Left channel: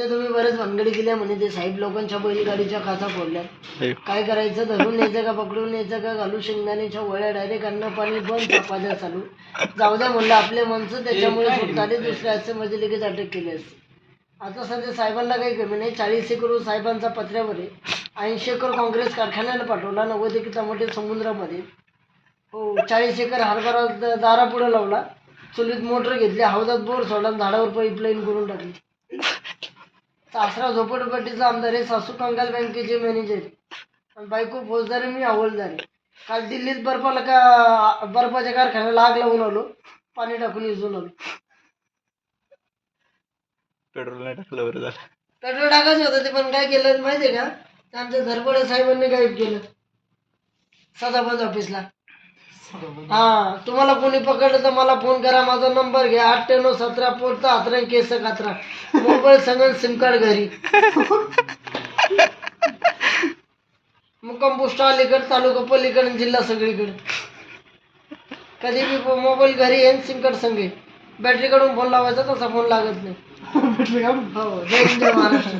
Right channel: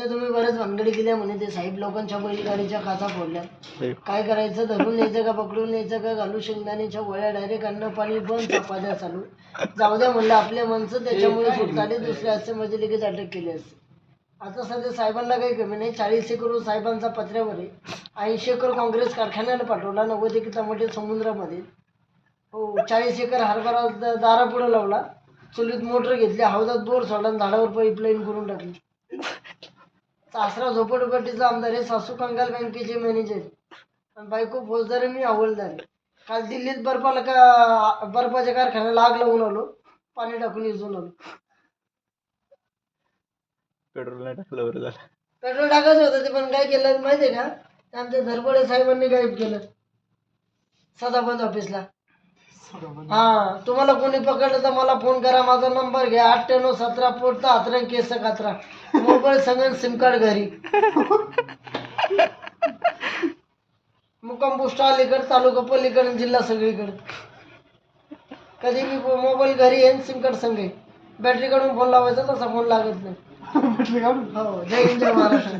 ते तुम्ही बरेच भानगडी केल्या म्हणे ते साहेब लोकांच्या बैलगाडीच्या काचा फोडल्या. काय करायचं? धरून न्यायचं का पकडून न्यायचं का? घालू शेंगदाण्याच्या वळ्या डायरेक्ट अन्न पाणी बंद चपात्या चालू. जाऊ द्या म्हणलं आपले माणसं त्याच्यामुळे सुटताले दुसऱ्या असं म्हणजे लगेच अटक केली असते. आता सध्या साहेबांना काही कमी नाही. चाळीस एकर साहेबांचा पत्र्यावर आहे. ऐंशी एकर काँग्रेस कारखान्याला पाठवला नव्वद एकर टमाटे समुद्रामध्ये. हो चाळीस एकर हरभरा दारापुढे लावला. चुलीत मोटर घेतली हौदात बोर सोडला झाडावर पाईपलाईन करून टाकली. सासरा झोपडपट्टीचा आमदार आहे सासू कंगाल बँकेचे मॅनेजर आणि बायको फौजदार मी हवालदार. काल दिल्लीत बर्फाला का बर्फाच्या कारखान्याला आग लावून आलो पाणी टाकून इजून आलो. पेट्रोल नाही टाकलं बरं झालं. पेट्रोल टाकायचं होतं ते पण काय केलं माहिती आहे का? आमच्या धरपडे साहेबांनी गाईब केलं. सदाबंद ऑफिसला. हा तुम्हाला कोणी पकडलं तर मला फोन करा माझा नंबर घ्या. अठ्ठ्याण्णव सतरा पोटचा हातरा केस कात्रा. मोबाईल सगळं सिम कार्ड घरी. मुक्काम पोस्ट अलीकडे तालुका पलीकडे आणि जिल्हा सगळीकडे. कधी बी मोबाईल घरी येईन सिम कार्ड संगे. बॅटरी काढून फोन लावायचा तसा फोन लागत नाही. हो जय हिंद महाराष्ट्र.